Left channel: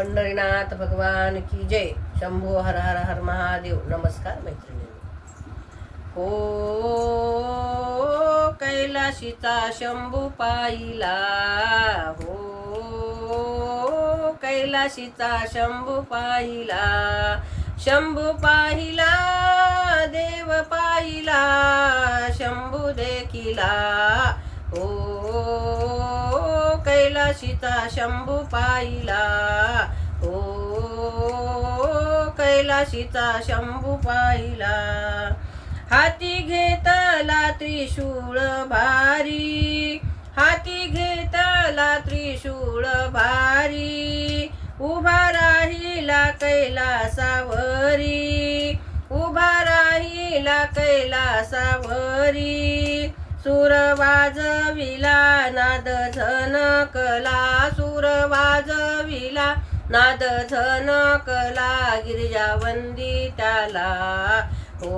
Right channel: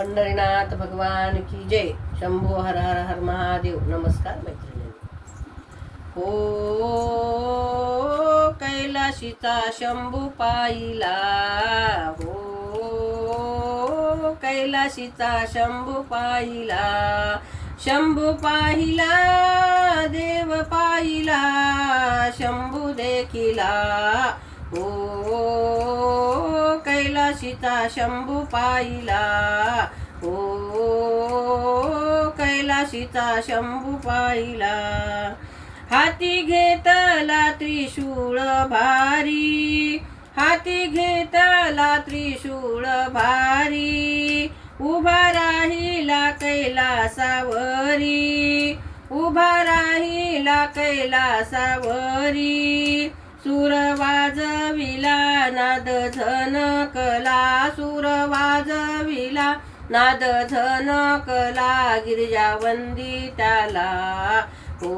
पंढरीनाथ भगवान की जय. शंभो हर हर हर महादेव. नमस्कार मैत्रिणी. हो कैलाशीचा शंभू पाहिला, हो कैलाशीचा शंभू पाहिला, शंभू पाहिला देव पाहिला, शंभू देखिला. हो कैलाशीचा शंभू पाहिला, हो कैलाशीचा शंभू पाहिला. हाती घेतला त्रिशूळ भारी, हाती घेतला त्रिशूळ भारी, उभा राहिला कैलासावरी, उभा राहिला कैलासावरी. सूर वाजविला नाद झनकला, सूर वाजविला नाद झनकला, गिरिजावंदी त्याला. हो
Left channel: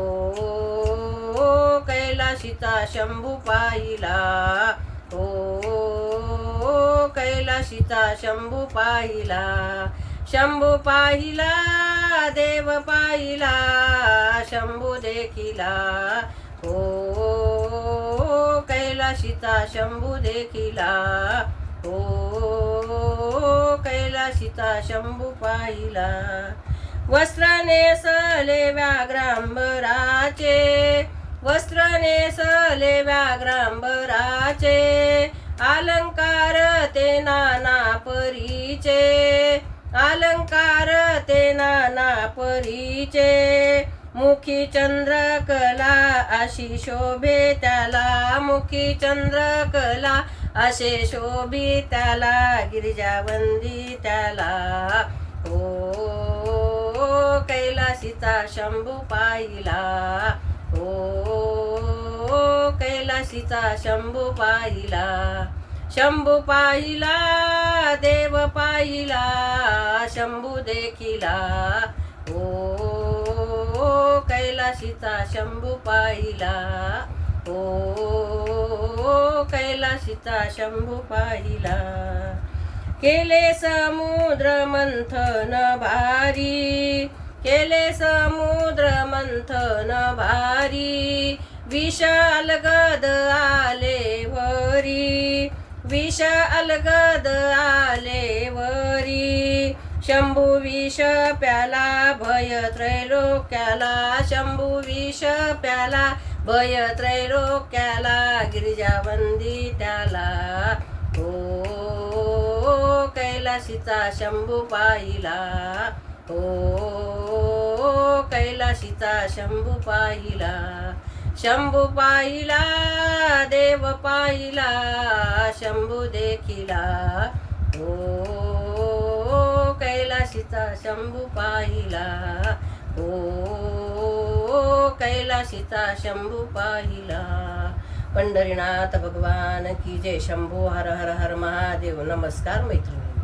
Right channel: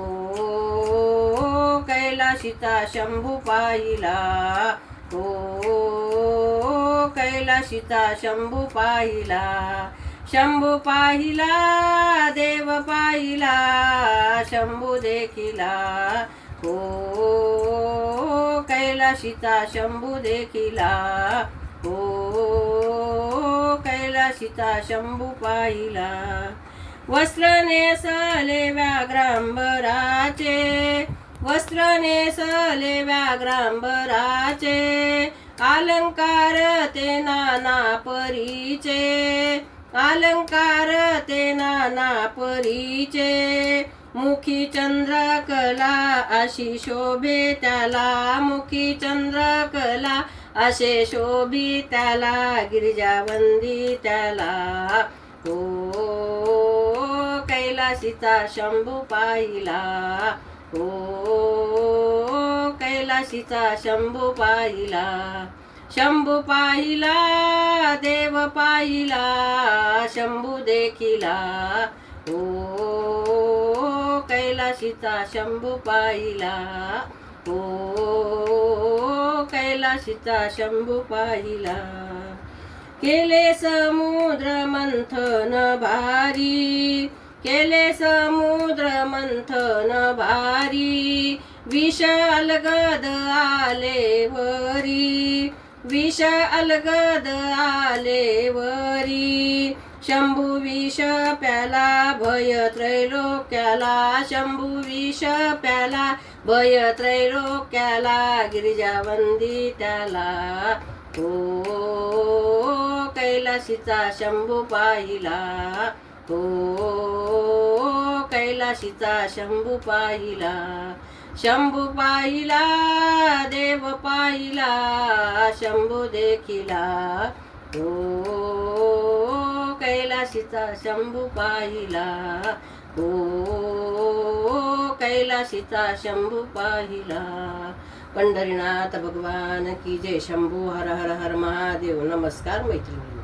कैलाशीचा शंभू पाहिला, हो कैलाशीचा शंभू पाहिला. शंभू पाहिला देव पाहिला, शंभू देखिला. हो कैलाशीचा शंभू देखिला, हो कैलाशीचा शंभू पाहिला. वस्त्र नेसले व्याघ्रांबराचे, वस्त्र नेसले व्याघ्रांबराचे, अलंकार ते नाना परीचे, अलंकार ते नाना परीचे. मुखी चंद्रकला अशी शोभे त्याला, मुखी चंद्रकला असे शोभी त्याला, गिरिजावंदी त्याला. हो कैलाशीचा शंभू पाहिला, हो कैलाशीचा शंभू पाहिला. शंभू पाहिला देव पाहिला, शंभू देखिला. हो कैलाशीचा शंभू पाहिला, हो कैलाशीचा शंभू पाहिला. केले समुद्र मंथन भारी, केले समुद्र मंथन भारी, विष अलगद आले वरी, विष अलगद आले वरी. शंभू विष प्याला भय त्रैलोक्याला, शंभू विष प्याला भय त्रैलोक्याला, गिरिजावंदी त्याला. हो कैलाशीचा शंभू पाहिला, हो कैलाशीचा शंभू पाहिला. शंभू पाहिला देव पाहिला, शंभू देखिला. हो कैलाशीचा शंभू पाहिला, हो कैलाशीचा शंभू पाहिला. पंढरीनाथ भगवान की जय. शंभू हर हर हर महादेव. नमस्कार मैत्रिणी.